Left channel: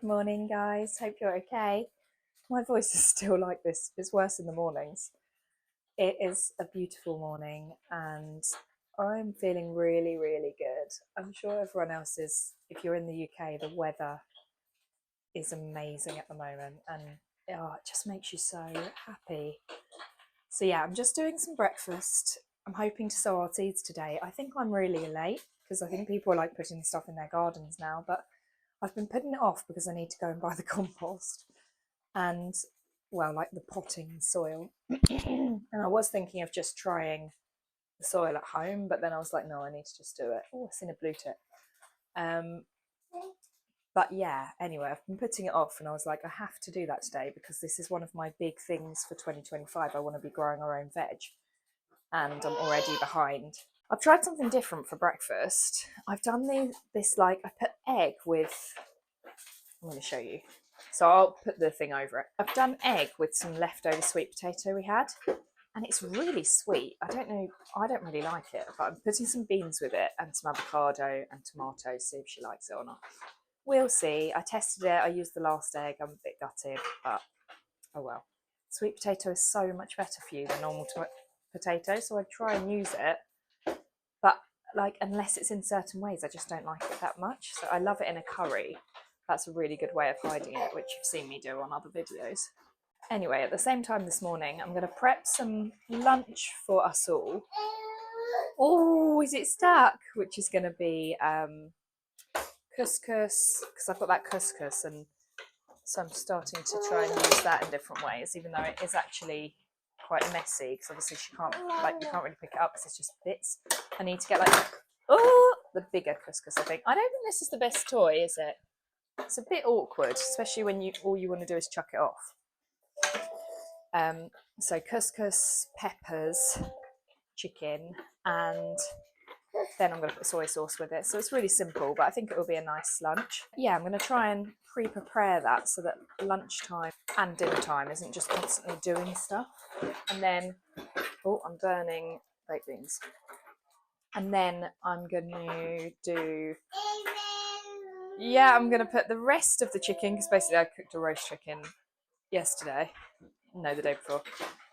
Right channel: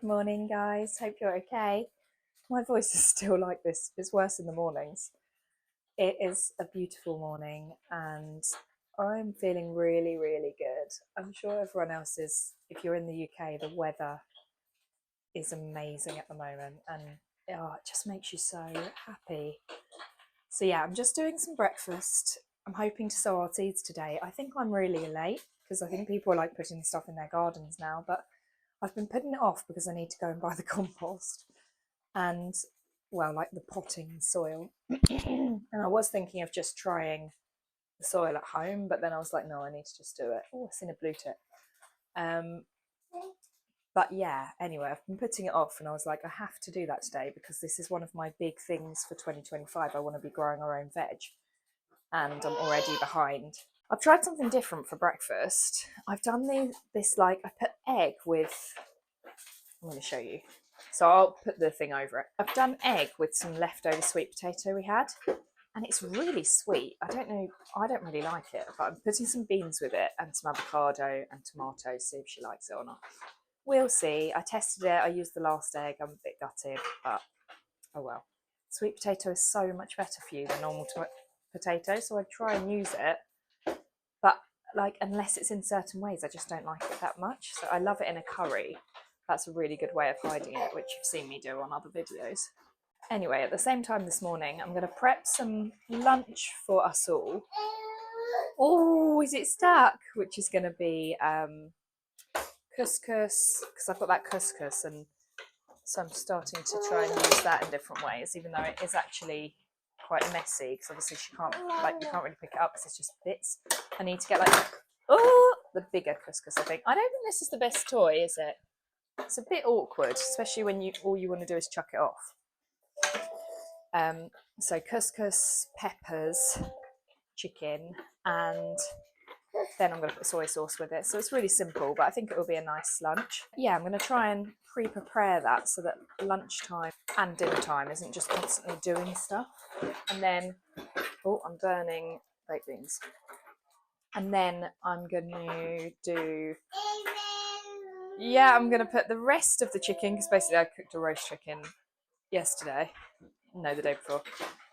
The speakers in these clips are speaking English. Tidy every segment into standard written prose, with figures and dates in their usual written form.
Good morning, guys. Hope you're okay. My voice is still like this. It's worse in the mornings. It is a beautiful morning and I'm feeling really, really good. I'm sure everyone else is. If you're in the UK, the weather is amazing at the moment and it just makes you so happy. So yeah, I'm just doing some breakfast. I'm hoping to sow our seeds today. I think I'm really late because I think people are like putting stuff in their gardens now, but I've been putting it off because I need to go and buy the compost and, well, like the potting soil. And I was thinking of just trying the soil at home, but then I was like, no, I need to just do it. Oh, I've seen a blue tip. But yeah, anyway, I've been putting it off and I was like, I have to do that today because this is one of my big things for 2025. I want to be growing our own veg and I'm already behind. I've tried something different for breakfast. I've done this like, I put egg with, I'm going to show you. So I'll put the thing over it. I've done egg with some leftover sweet potato we had, and it's really sweet. I don't know, I don't really like it, but I'm putting some beans with it and some avocado and tomatoes, see if she likes it or not. We'll see. I tested it. I used the last egg. I'm a bit gutted, but oh well. Sweet potato is so much better for you than normal potato, so I'd try and use it. But like, unless it's in certain ways, I just don't like it that much. So I love it in a curry. That's a really good way of hiding it, which you've seen me do on other videos. Anyway, at the same time this morning, I'm going to prep some lunch for us all. Oh, is it stuck? Which is going to be couscous, because I've got that couscous, and so I'm starting to try and use that in different ways, even though it is actually quite messy, because obviously you can't really pick it up because it's just bits. I need to get like, the bigger couscous, I think. I don't think this is the best toy, is it? It's a bit awkward, especially when all you want to do is chuck it off. So couscous, peppers, chicken, and then I'm going to put soy sauce with it. So it's really simple, but I think it will be a nice lunch. Yeah, I'm going to try and pre-prepare that so that lunchtime and dinner time isn't just constantly doing stuff. And then, oh, I'm burning baked beans. And then I'm going to do, yeah, I'm going to put the rest of the chicken, because basically I cooked a roast chicken yesterday. No, the day before.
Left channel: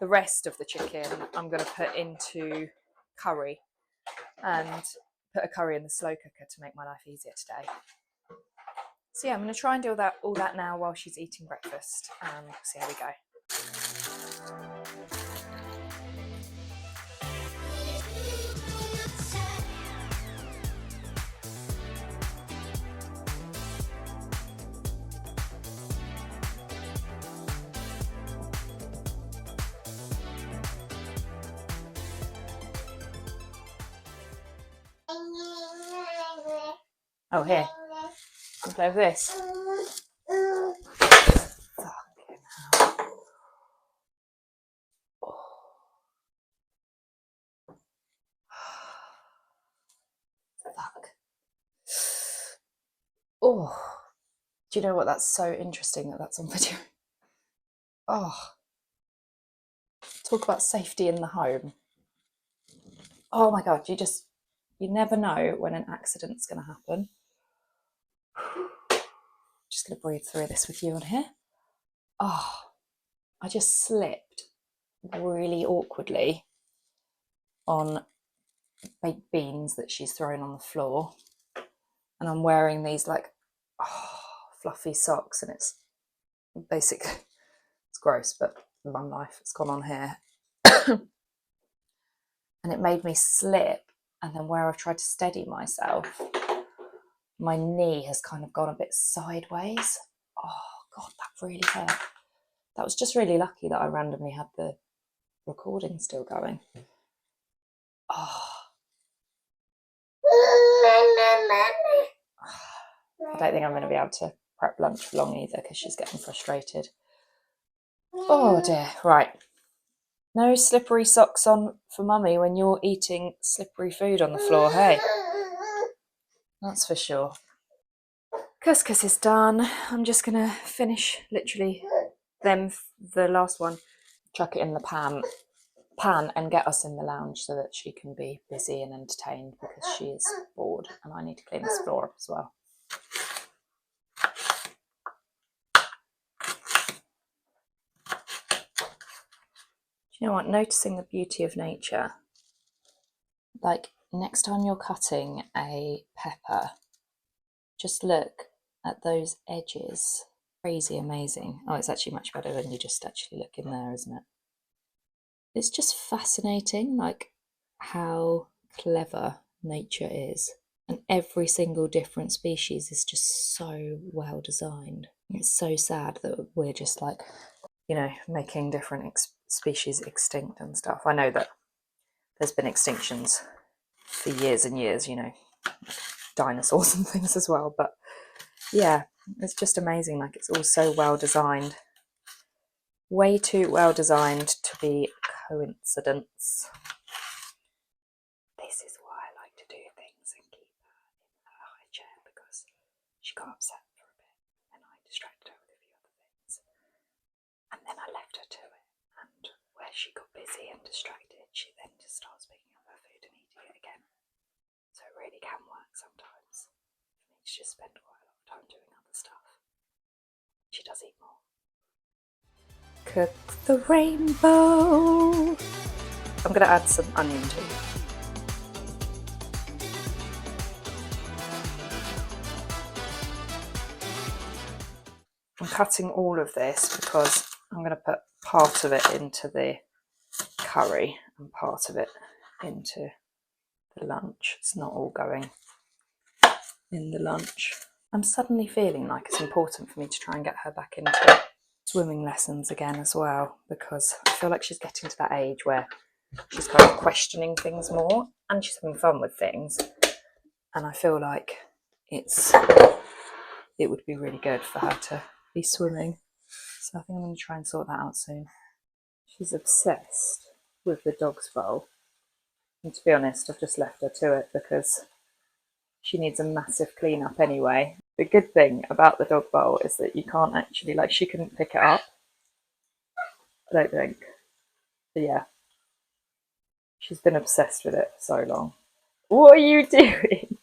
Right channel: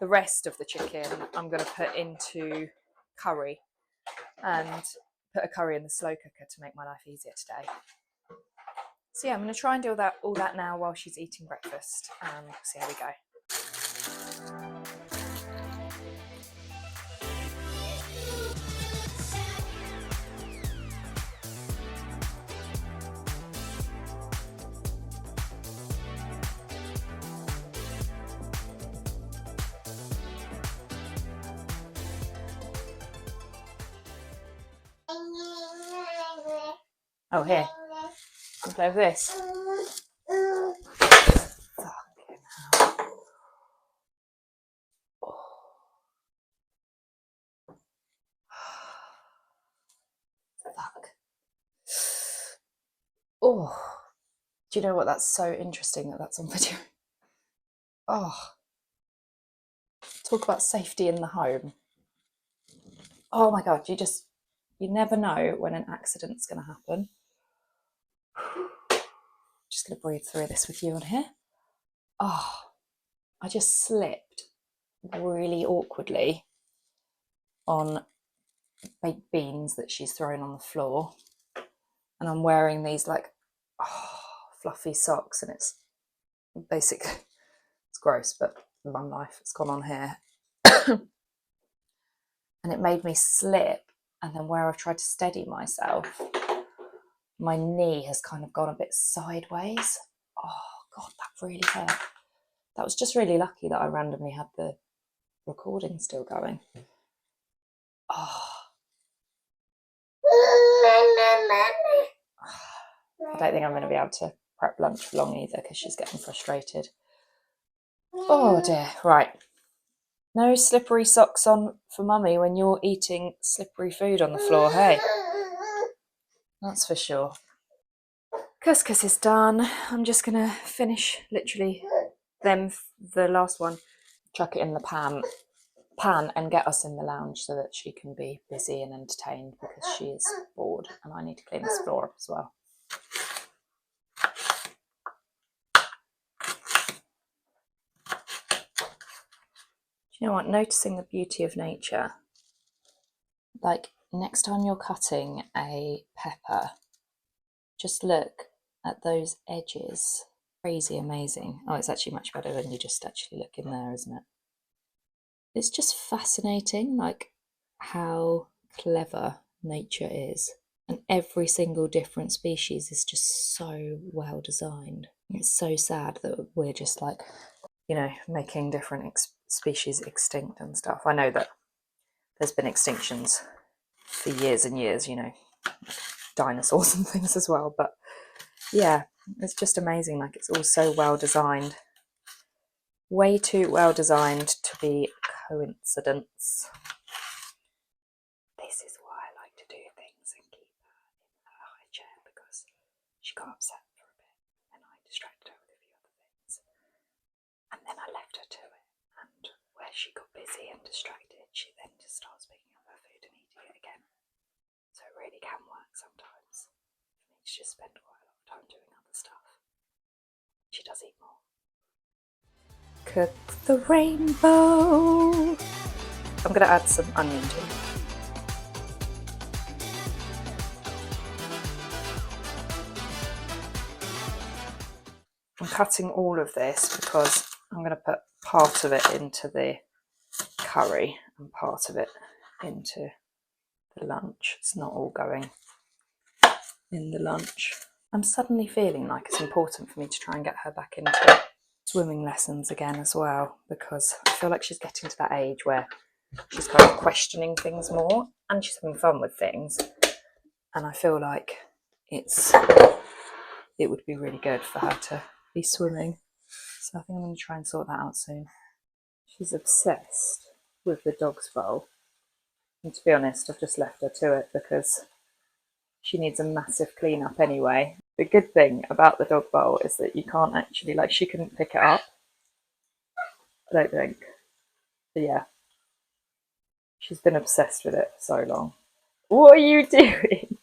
The rest of the chicken I'm going to put into curry and put a curry in the slow cooker to make my life easier today. So yeah, I'm going to try and do all that now while she's eating breakfast and see how we go. Oh, here. Can play with this. Fuck. Oh, do you know what? That's so interesting that that's on video. Oh, talk about safety in the home. Oh my God, you never know when an accident's going to happen. Just going to breathe through this with you on here. Oh, I just slipped really awkwardly on baked beans that she's thrown on the floor. And I'm wearing these like fluffy socks, and it's basically, it's gross, but mum life, it's gone on here. And it made me slip, and then where I've tried to steady myself, my knee has kind of gone a bit sideways. Oh God, that really hurt. That was just really lucky that I randomly had the recording still going. Oh. I don't think I'm going to be able to prep lunch for long either because she's getting frustrated. Oh dear, right. No slippery socks on for mummy when you're eating slippery food on the floor, hey? That's for sure. Couscous is done. I'm just going to finish literally the last one, chuck it in the pan and get us in the lounge so that she can be busy and entertained because she is bored and I need to clean this floor up as well. You know what, noticing the beauty of nature. Like next time you're cutting a pepper, just look at those edges. Crazy amazing. Oh, it's actually much better when you just actually look in there, isn't it? It's just fascinating, like how clever nature is. And every single different species is just so well designed. It's so sad that we're just like, you know, making different species extinct and stuff. I know that there's been extinctions for years and years, you know, dinosaurs and things as well. But yeah, it's just amazing. Like it's all so well designed. Way too well designed to be coincidence. This is why I like to do things and keep her in her high chair, because she got upset for a bit and I distracted her with a few other things. And then I left her to it. And where she got busy and distracted, she then just starts picking up her food and eating it again. So it really can work sometimes. It means she just spend quite a lot of time doing other stuff. She does eat more. Cook the rainbow. I'm going to add some onion too. I'm cutting all of this because I'm going to put part of it into the curry and part of it into the lunch. It's not all going in the lunch. I'm suddenly feeling like it's important for me to try and get her back into swimming lessons again as well, because I feel like she's getting to that age where she's kind of questioning things more and she's having fun with things, and I feel like it would be really good for her to be swimming. So I think I'm going to try and sort that out soon. She's obsessed with the dog's bowl, and to be honest, I've just left her to it because she needs a massive clean up anyway. The good thing about the dog bowl is that you can't actually, like, she couldn't pick it up, I don't think. But yeah, she's been obsessed with it for so long. What are you doing?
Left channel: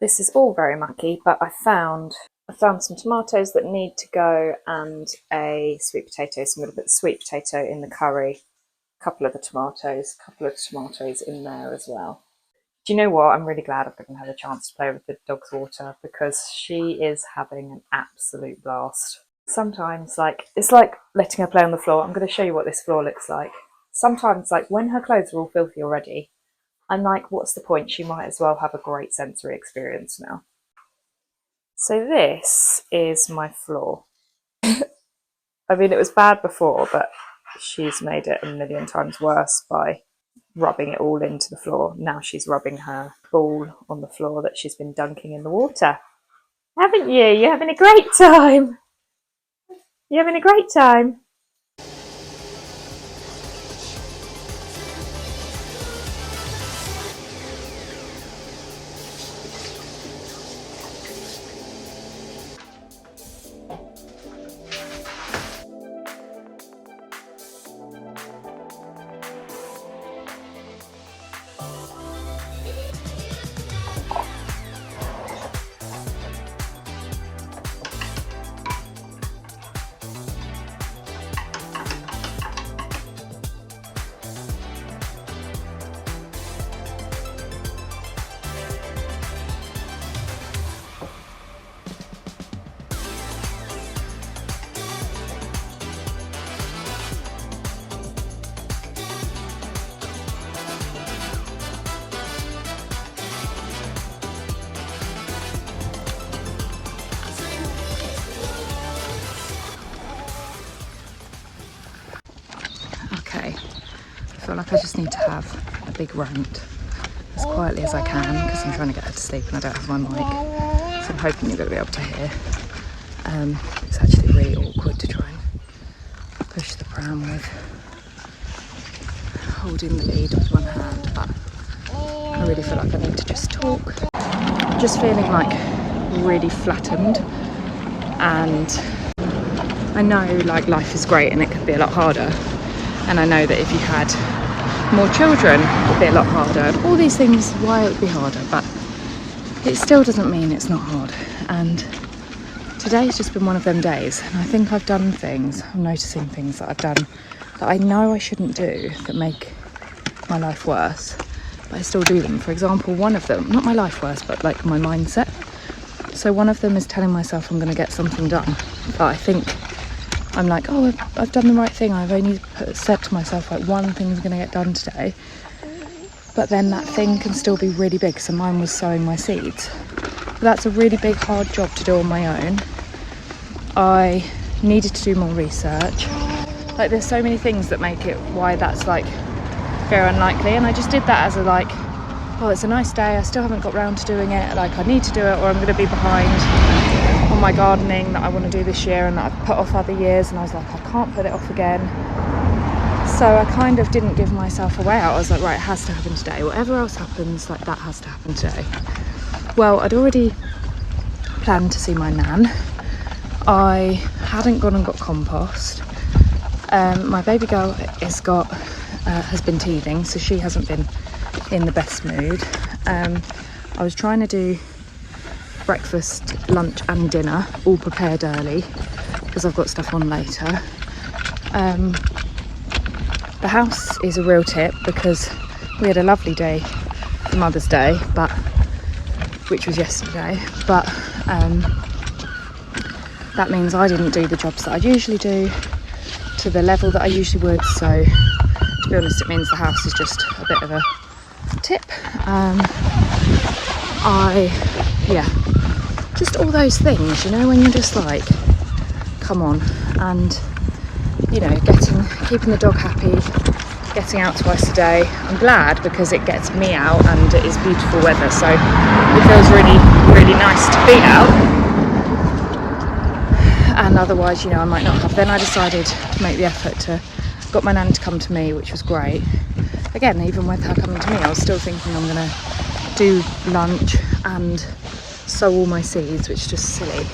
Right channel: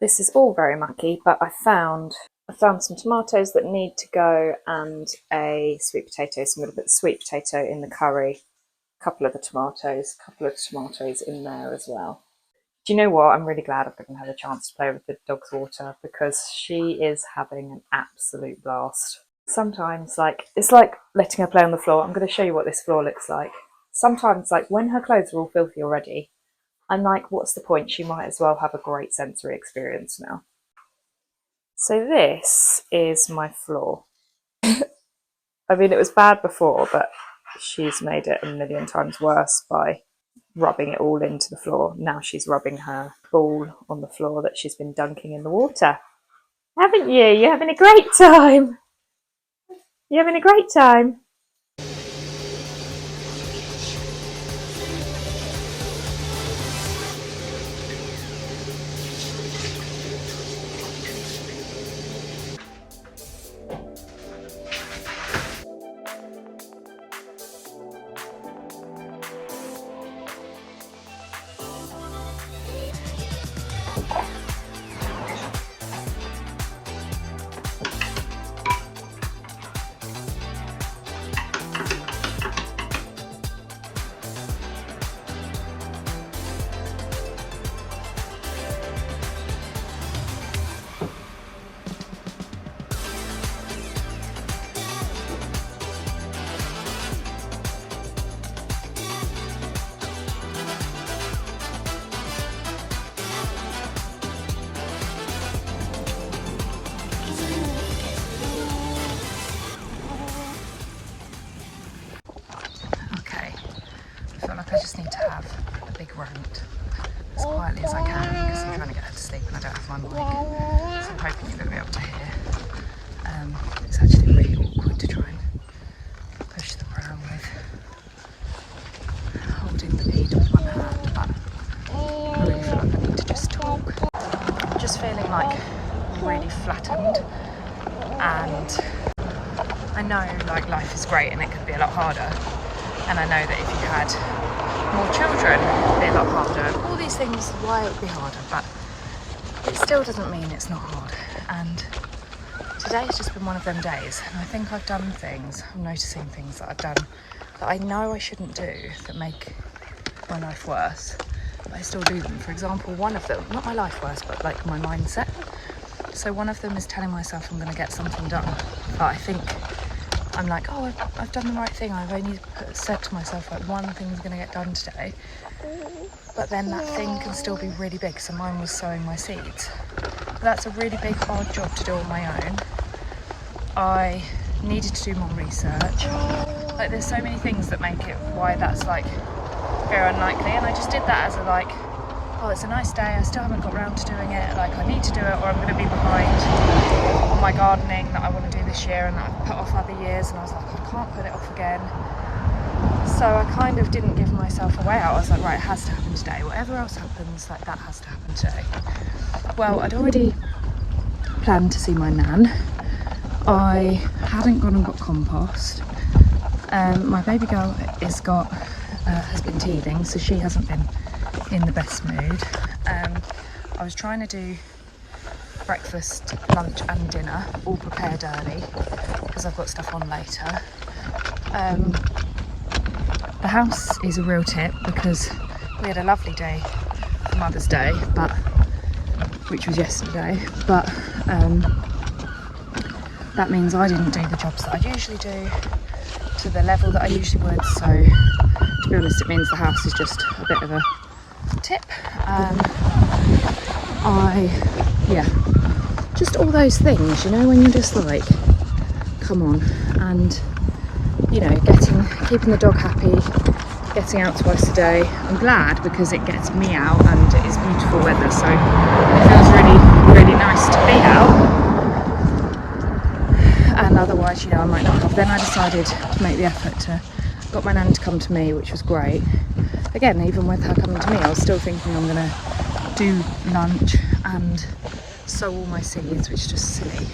This is all very mucky, but I found some tomatoes that need to go and a sweet potato. So I'm going to put the sweet potato in the curry, a couple of tomatoes in there as well. Do you know what? I'm really glad I've given her the chance to play with the dog's water, because she is having an absolute blast. Sometimes, like, it's like letting her play on the floor. I'm going to show you what this floor looks like. Sometimes, like, when her clothes are all filthy already, I'm like, what's the point? She might as well have a great sensory experience now. So this is my floor. I mean, it was bad before, but she's made it a million times worse by rubbing it all into the floor. Now she's rubbing her ball on the floor that she's been dunking in the water. Haven't you? You're having a great time. You're having a great time. Okay, I feel like I just need to have a big rant as quietly as I can, because I'm trying to get her to sleep and I don't have my mic, so I'm hoping you're going to be able to hear. It's actually really awkward to try and push the pram with holding the lead with one hand, but I really feel like I need to just talk. I'm just feeling like really flattened, and I know like life is great and it could be a lot harder, and I know that if you had more children it would be a lot harder. All these things, why it would be harder, but it still doesn't mean it's not hard. And today's just been one of them days, and I think I've done things, I'm noticing things that I've done that I know I shouldn't do that make my life worse, but I still do them. For example, one of them, not my life worse, but like my mindset. So one of them is telling myself I'm going to get something done, but I think I'm like, oh, I've done the right thing. I've only said to myself like one thing's going to get done today, but then that thing can still be really big. So mine was sowing my seeds. But that's a really big, hard job to do on my own. I needed to do more research. Like, there's so many things that make it why that's like very unlikely, and I just did that as a like, oh, it's a nice day, I still haven't got round to doing it, like I need to do it or I'm going to be behind on my gardening that I want to do this year and that I've put off other years, and I was like, I can't put it off again. So I kind of didn't give myself a way out. I was like, right, it has to happen today, whatever else happens, like that has to happen today. Well, I'd already planned to see my nan. I hadn't gone and got compost. My baby girl has been teething, so she hasn't been in the best mood. I was trying to do breakfast, lunch and dinner all prepared early because I've got stuff on later. The house is a real tip because we had a lovely day for Mother's Day, which was yesterday, but that means I didn't do the jobs that I usually do to the level that I usually would. So to be honest, it means the house is just a bit of a tip. Just all those things, you know, when you're just like, come on, and you know, keeping the dog happy, getting out twice a day. I'm glad because it gets me out and it is beautiful weather, so it feels really, really nice to be out. And otherwise, you know, I might not have. Then I decided to make the effort got my nan to come to me, which was great. Again, even with her coming to me, I was still thinking I'm gonna do lunch and sow all my seeds, which is just silly.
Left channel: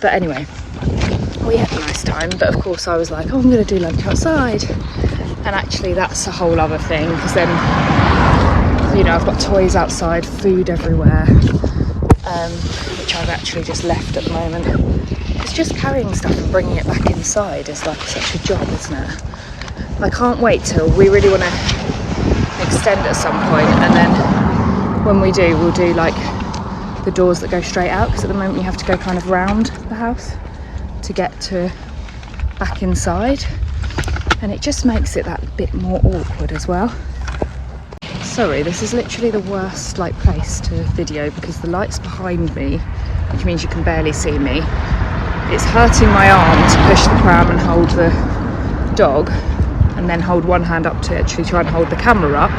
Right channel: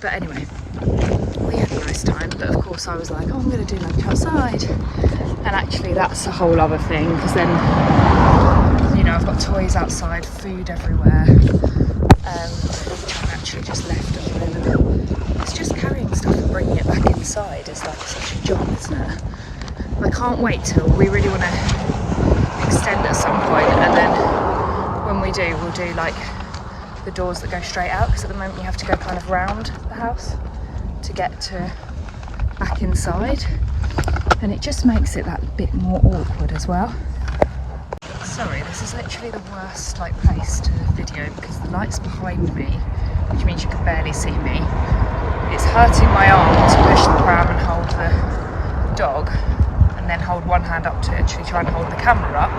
But anyway, we had a nice time, but of course I was like, oh, I'm gonna do lunch outside. And actually that's a whole other thing, because then, you know, I've got toys outside, food everywhere, which I've actually just left at the moment. It's just carrying stuff and bringing it back inside is like such a job, isn't it? I can't wait till we really want to extend at some point, and then when we do, we'll do like the doors that go straight out, because at the moment you have to go kind of round the house to get to back inside, and it just makes it that bit more awkward as well. Sorry, this is literally the worst like place to video because the light's behind me, which means you can barely see me. It's hurting my arm to push the pram and hold the dog, and then hold one hand up to actually try and hold the camera up.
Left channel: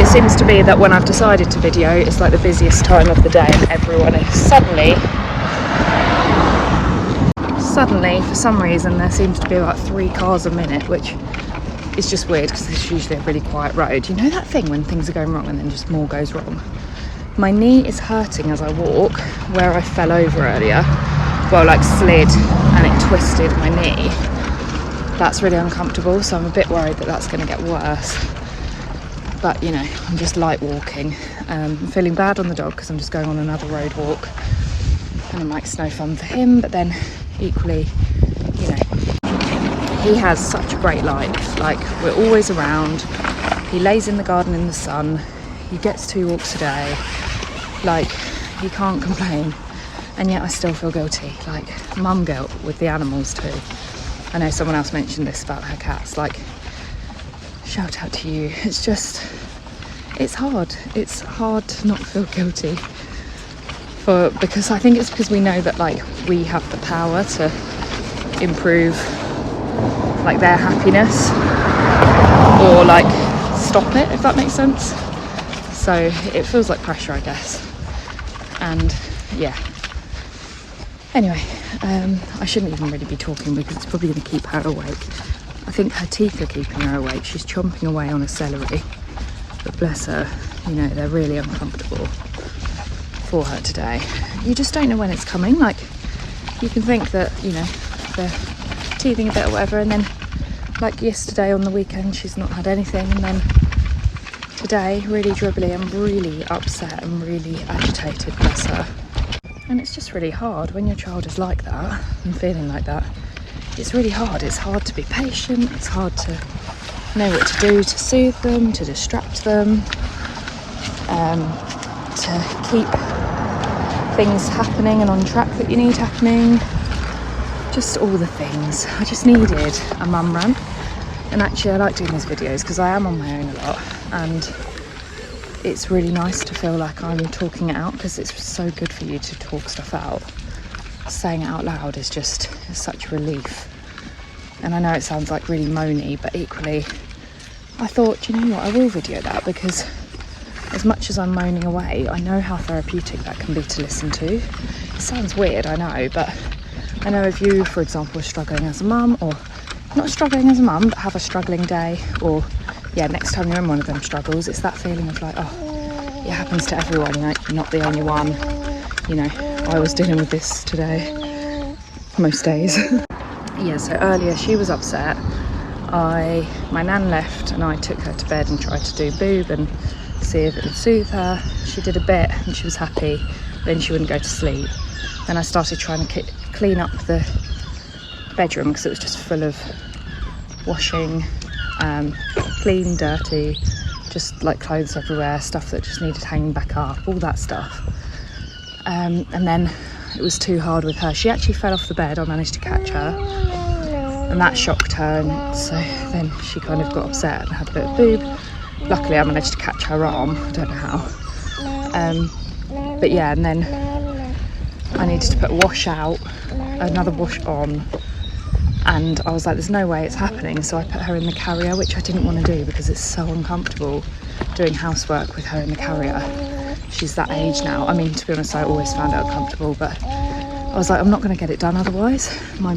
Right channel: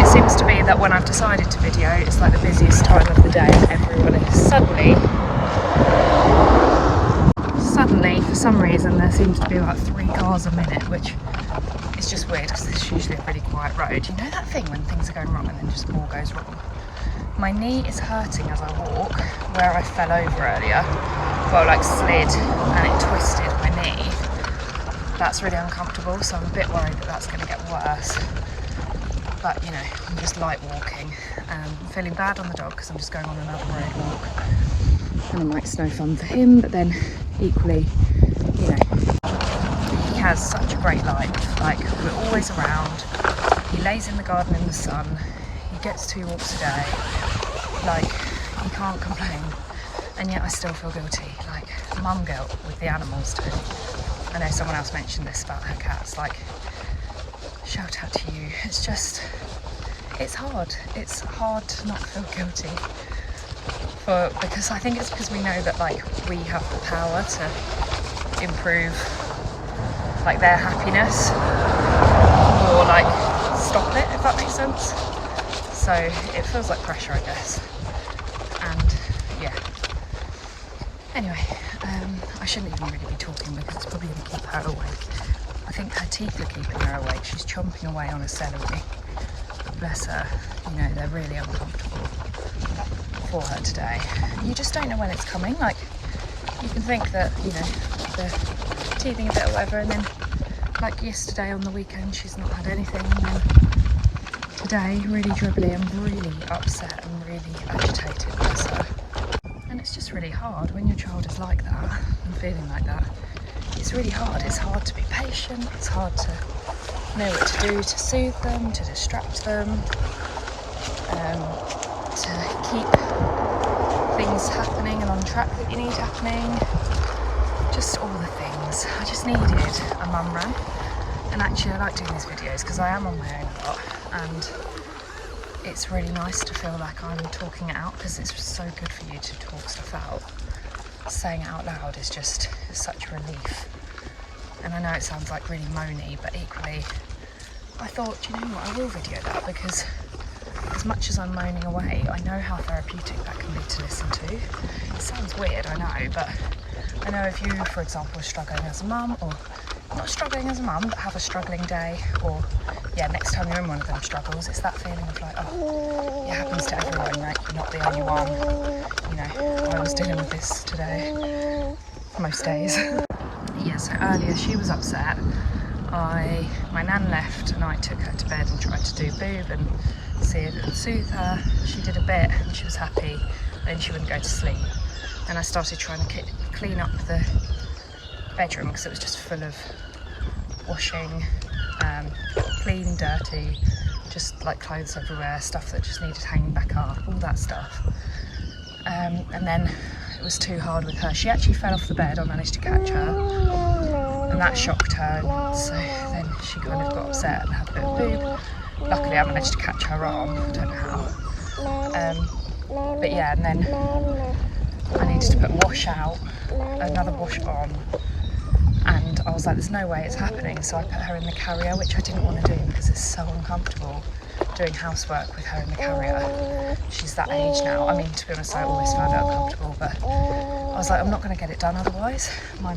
It seems to be that when I've decided to video, it's like the busiest time of the day, and everyone is suddenly, for some reason, there seems to be about 3 cars a minute, which is just weird because it's usually a really quiet road. You know that thing when things are going wrong and then just more goes wrong? My knee is hurting as I walk, where I fell over earlier. Well, like slid and it twisted my knee. That's really uncomfortable, so I'm a bit worried that that's going to get worse. But you know, I'm just light walking. I'm feeling bad on the dog because I'm just going on another road walk, and I'm like, it's no fun for him, but then equally, you know, he has such a great life. Like, we're always around, he lays in the garden in the sun, he gets 2 walks a day, like, he can't complain. And yet I still feel guilty, like mum guilt with the animals too. I know someone else mentioned this about her cats, like, shout out to you. It's just, it's hard to not feel guilty because I think it's because we know that like we have the power to improve like their happiness or like stop it, if that makes sense. So it feels like pressure, I guess. And yeah, anyway, I shouldn't even really be talking because it's probably going to keep her awake. I think her teeth are keeping her awake. She's chomping away on a celery, but bless her, you know, they're really uncomfortable for her today. You just don't know when it's coming. Like, you can think that, you know, they're teething a bit or whatever, and then like yesterday on the weekend she's not had anything, and then today, really dribbly and really upset and really agitated, bless her. And it's just really hard when your child is like that and feeling like that. It's really hard. It's hard to be patient. It's hard to know what to do to soothe them, to distract them, to keep things happening and on track that you need happening. Just all the things. I just needed a mum rant. And actually I like doing these videos because I am on my own a lot, and it's really nice to feel like I'm talking it out, because it's so good for you to talk stuff out. Saying it out loud is just such relief. And I know it sounds like really moany, but equally I thought, you know what, I will video that, because as much as I'm moaning away, I know how therapeutic that can be to listen to. It sounds weird, I know, but I know if you, for example, are struggling as a mum, or not struggling as a mum, but have a struggling day, or yeah, next time you're in one of them struggles, it's that feeling of like, oh, it happens to everyone, like you're not the only one. You know, I was dealing with this today, most days. Yeah, so earlier she was upset. My nan left and I took her to bed and tried to do boob and see if it would soothe her. She did a bit and she was happy, then she wouldn't go to sleep. Then I started trying to clean up the bedroom because it was just full of washing, clean, dirty, just like clothes everywhere, stuff that just needed hanging back up, all that stuff. And then it was too hard with her. She actually fell off the bed. I managed to catch her and that shocked her, and so then she kind of got upset and had a bit of boob. Luckily I managed to catch her arm, I don't know how. But yeah, and then I needed to put a wash out, another wash on, and I was like, there's no way it's happening, so I put her in the carrier, which I didn't want to do because it's so uncomfortable doing housework with her in the carrier. She's that age now. I mean, to be honest, I always found it uncomfortable, but I was like, I'm not going to get it done otherwise. My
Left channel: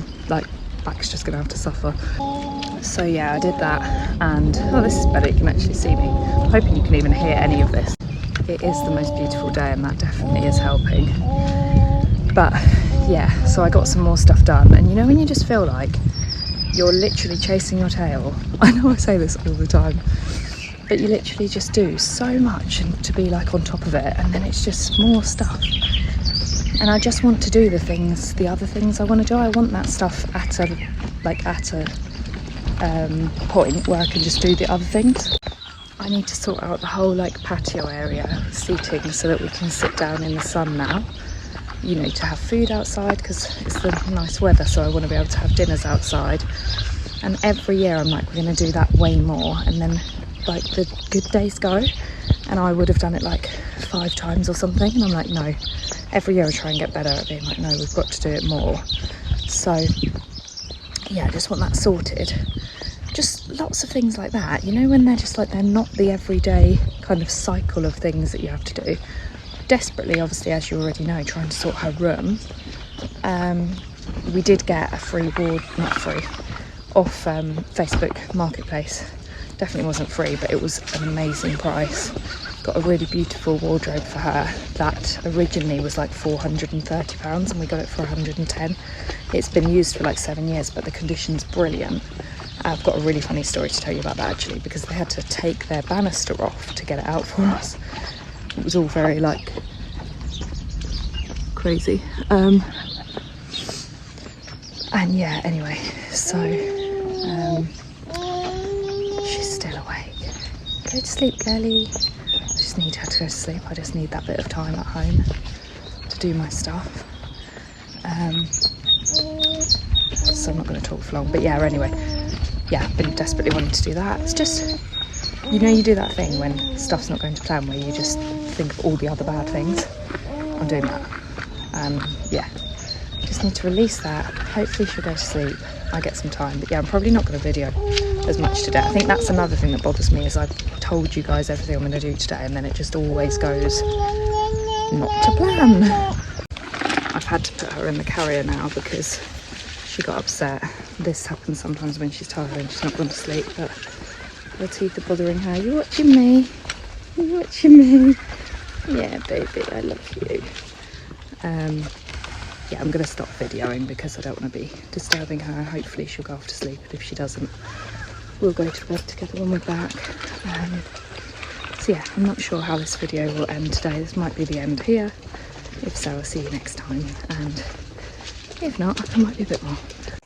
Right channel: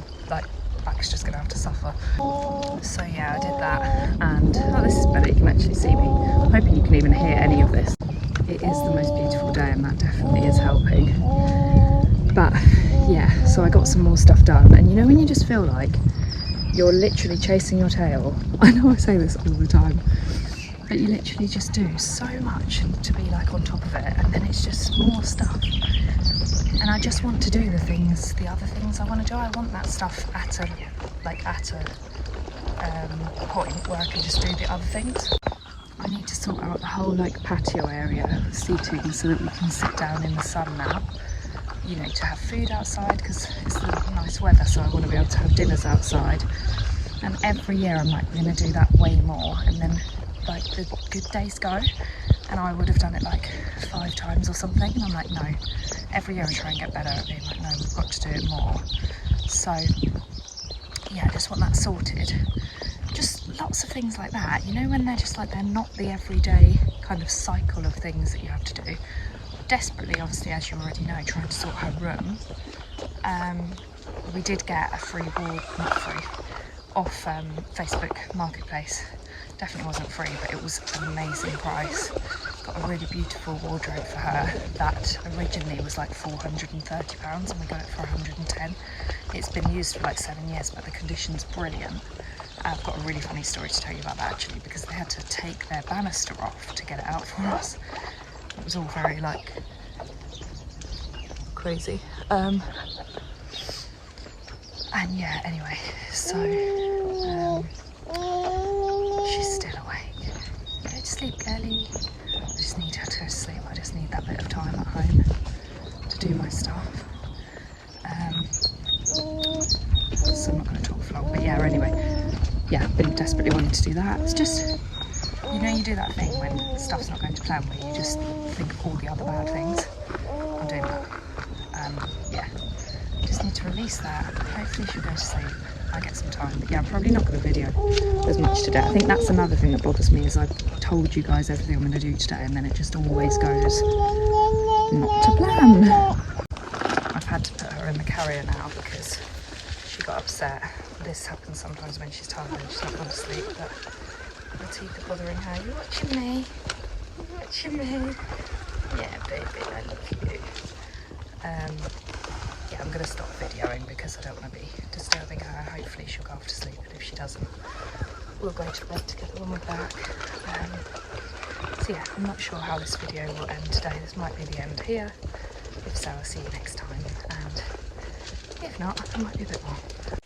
back's just going to have to suffer. So yeah, I did that, and oh, this is better, you can actually see me. I'm hoping you can even hear any of this. It is the most beautiful day and that definitely is helping. But yeah, so I got some more stuff done, and you know when you just feel like you're literally chasing your tail? I know I say this all the time, but you literally just do so much to be like on top of it, and then it's just more stuff. And I just want to do the other things I want to do. I want that stuff at a point where I can just do the other things. I need to sort out the whole like patio area seating so that we can sit down in the sun now. You know, to have food outside because it's the nice weather, so I want to be able to have dinners outside. And every year I'm like, we're going to do that way more, and then like the good days go and I would have done it like 5 times or something, and I'm like, no, every year I try and get better at being like, no, we've got to do it more. So yeah, I just want that sorted. Just lots of things like that, you know, when they're just like, they're not the everyday kind of cycle of things that you have to do. Desperately, obviously, as you already know, trying to sort her room. We did get a free off Facebook Marketplace. Definitely wasn't free, but it was an amazing price. Got a really beautiful wardrobe for her that originally was like £430 and we got it for 110. It's been used for like 7 years, but the condition's brilliant. I've got a really funny story to tell you about that actually, because they had to take their banister off to get it out for us. It was all very like crazy. And yeah, anyway, so she's still awake. Go to sleep, girlie. I just need her to go to sleep. I just need that bit of time at home to do my stuff. So I'm not going to talk for long, but yeah, anyway, yeah, I've been desperately wanting to do that. It's just, you know, you do that thing when stuff's not going to plan where you just think of all the other bad things. I'm doing that. Yeah, just need to release that. Hopefully she'll go to sleep. I get some time, but yeah, I'm probably not going to video as much today. I think that's another thing that bothers me, is I've told you guys everything I'm going to do today and then it just always goes not to plan. I've had to put her in the carrier now because she got upset. This happens sometimes when she's tired and she's not going to sleep, but her teeth are bothering her. You watching me? You watching me? Yeah, baby, I love you. Yeah, I'm going to stop videoing because I don't want to be disturbing her. Hopefully she'll go off to sleep, but if she doesn't, we'll go to bed together when we're back. So yeah, I'm not sure how this video will end today. This might be the end here. If so, I'll see you next time, and if not, there might be a bit more.